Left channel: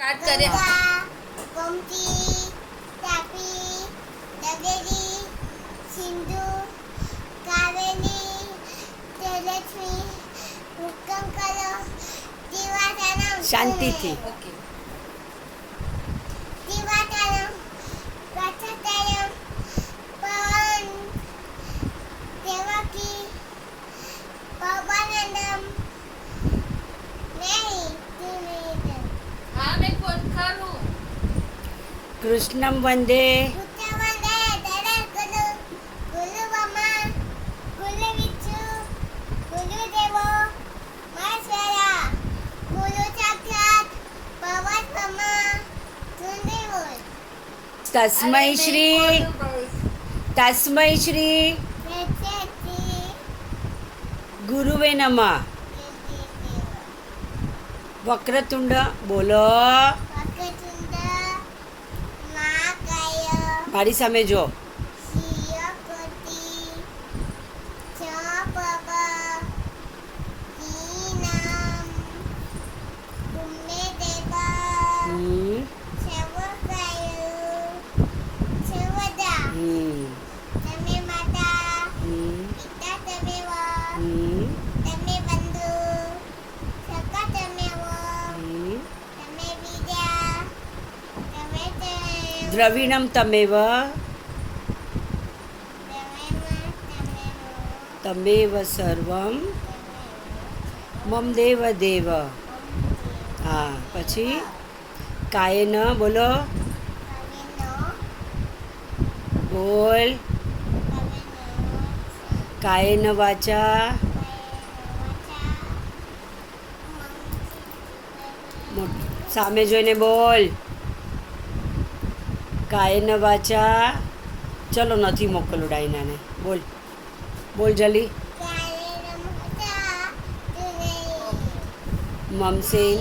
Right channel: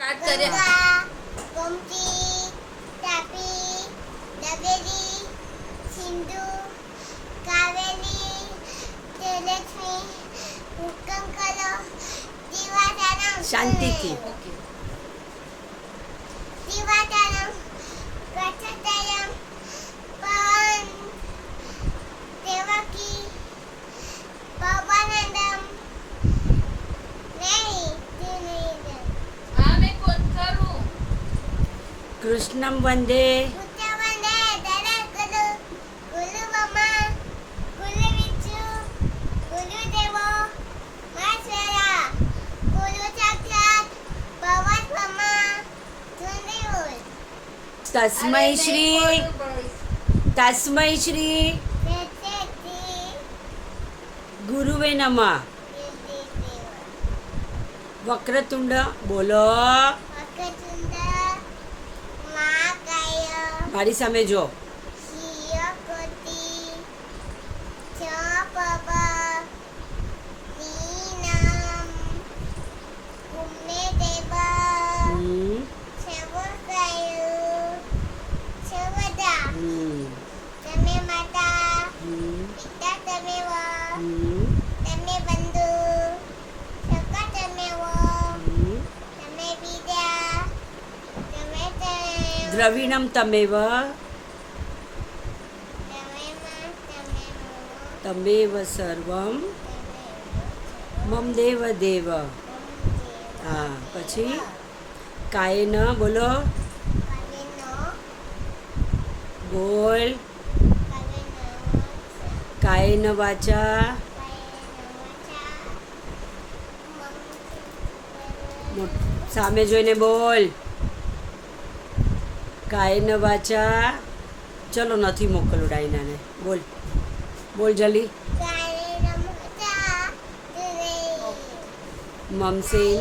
Start કરે. ગોમતી, તાપી, ડબેરી, સિંધુ, કાવેરી, તેજસ્વી, હુકમ કરો, દીવાદારમ, શાંતિથી. ઓકે. દીવાદારમ, કથાતરમ, પવન, દેવકી, પવનંદમ, નહીં, હા મેં કોણ ખરું. કૃષ્ણમ વંદે ઉત્તવંદે, દરકુલુ, કુલુવમા, કુલુવિચુ, કુલુદેવો, મહેશ્વરા, કુલુ સાક્ષાત, ભગવત્વમા, સુંદરીવોલ, તસ્મૈ શ્રી તસ્મૈ શ્રી પ્રત્યેકથી, ગુરુવે નમઃ. વક્રતુંડ બોલો. વક્રતુંડ, મહાકાય, મારી સામે જો. શિયકોટી, ચપવ, હીનમ, ભૂમેદેવ, હમ, સર્વકાય, સર્વદા, હમ, તમે માતા, હમ, પિતા તમેવ, હમ, તમે બંધુ, સખા તમેવ, હમ. તમે વિદ્યા, તમે દ્રવિણમ તમેવ તમેવ સર્વમ મમ દેવ દેવ. હા પછી કાયેન બોલો. બોલ. કાયેન વાચા સામે જોઈને બોલ. કાયેન વાચા ચલો નથી મોકલું ડાયનાને. બોલ બોલ જલ્દી. મમસેન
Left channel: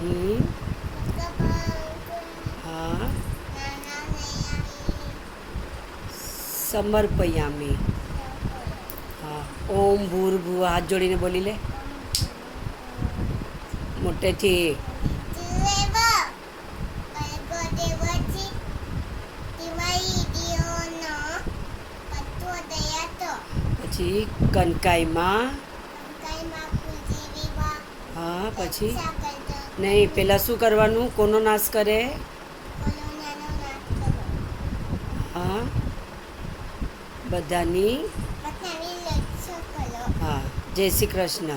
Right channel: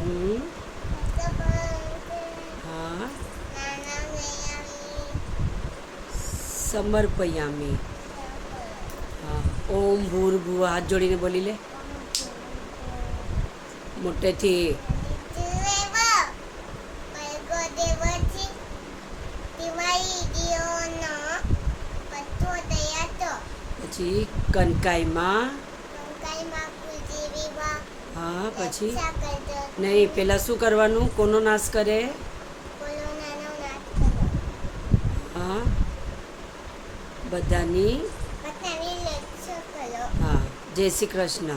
હમ, હા સમર્પયામી. હા ઓમ ભૂર્ભુવ હાથ જોડીને બોલી લે મોટેથી. પછી કનકાઈમાં. હા પછી નહીં પેલા શું કરવાનું? કોનો નાશ કરે? હા બધાની. હા જય શ્રી કૃષ્ણ.